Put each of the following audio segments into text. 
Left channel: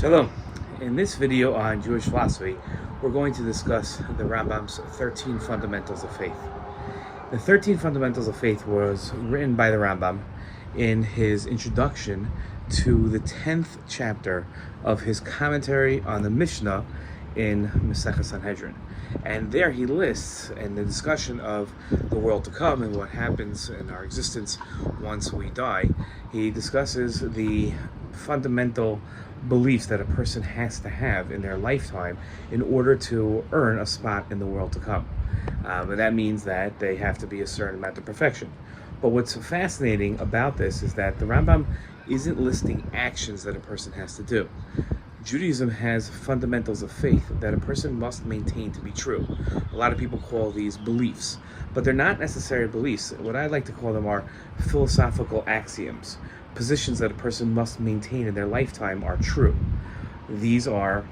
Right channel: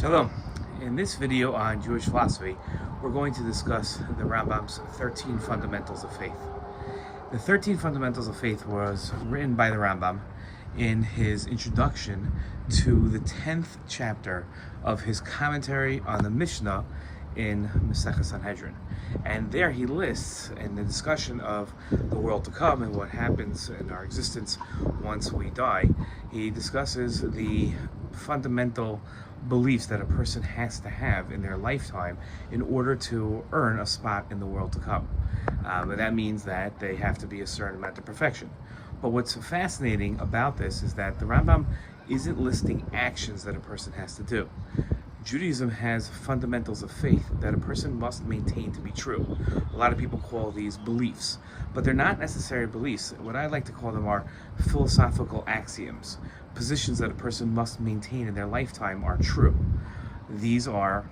Shalom. In this video on Jewish philosophy, we're going to discuss the Rambam's 13 Fundamentals of Faith. The 13 Fundamentals of Faith was written by the Rambam in his introduction to the 10th chapter of his commentary on the Mishnah in Masechah Sanhedrin. And there he lists, in the discussion of the world to come and what happens in our existence once we die, he discusses the fundamental beliefs that a person has to have in their lifetime in order to earn a spot in the world to come. And that means that they have to be a certain amount of perfection. But what's fascinating about this is that the Rambam isn't listing actions that a person has to do. Judaism has fundamentals of faith that a person must maintain to be true. A lot of people call these beliefs, but they're not necessarily beliefs. What I like to call them are philosophical axioms. Positions that a person must maintain in their lifetime are true. These are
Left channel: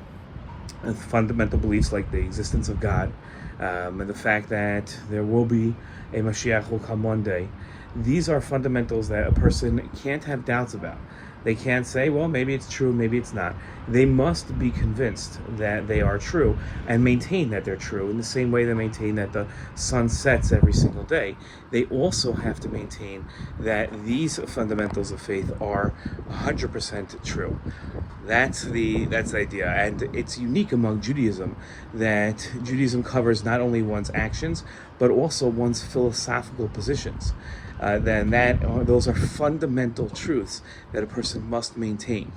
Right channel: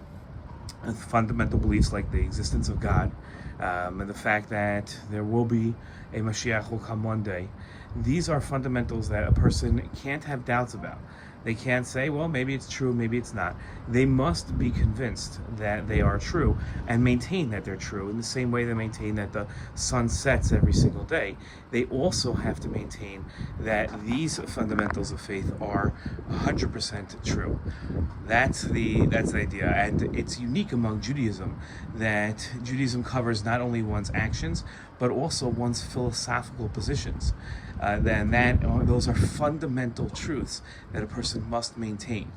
fundamental beliefs like the existence of God, and the fact that there will be a Mashiach who will come one day. These are fundamentals that a person can't have doubts about. They can't say, well, maybe it's true, maybe it's not. They must be convinced that they are true and maintain that they're true in the same way they maintain that the sun sets every single day. They also have to maintain that these fundamentals of faith are 100% true. That's the idea. And it's unique among Judaism that Judaism covers not only one's actions, but also one's philosophical positions. Those are fundamental truths that a person must maintain.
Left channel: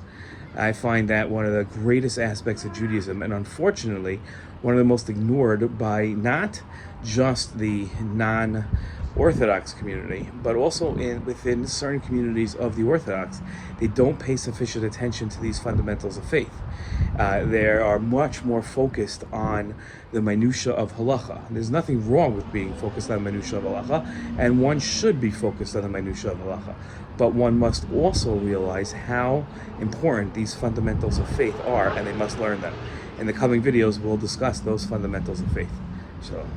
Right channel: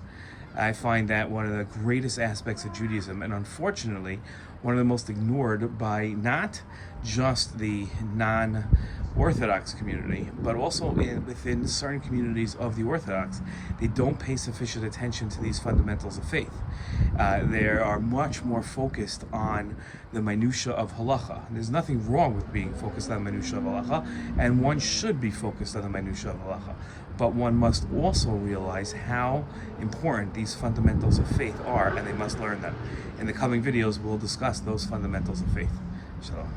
I find that one of the greatest aspects of Judaism, and unfortunately, one of the most ignored by not just the non-Orthodox community, but also within certain communities of the Orthodox. They don't pay sufficient attention to these fundamentals of faith. They are much more focused on the minutia of halacha. There's nothing wrong with being focused on the minutia of halacha, and one should be focused on the minutia of halacha. But one must also realize how important these fundamentals of faith are, and they must learn them. In the coming videos, we'll discuss those fundamentals of faith. Shalom.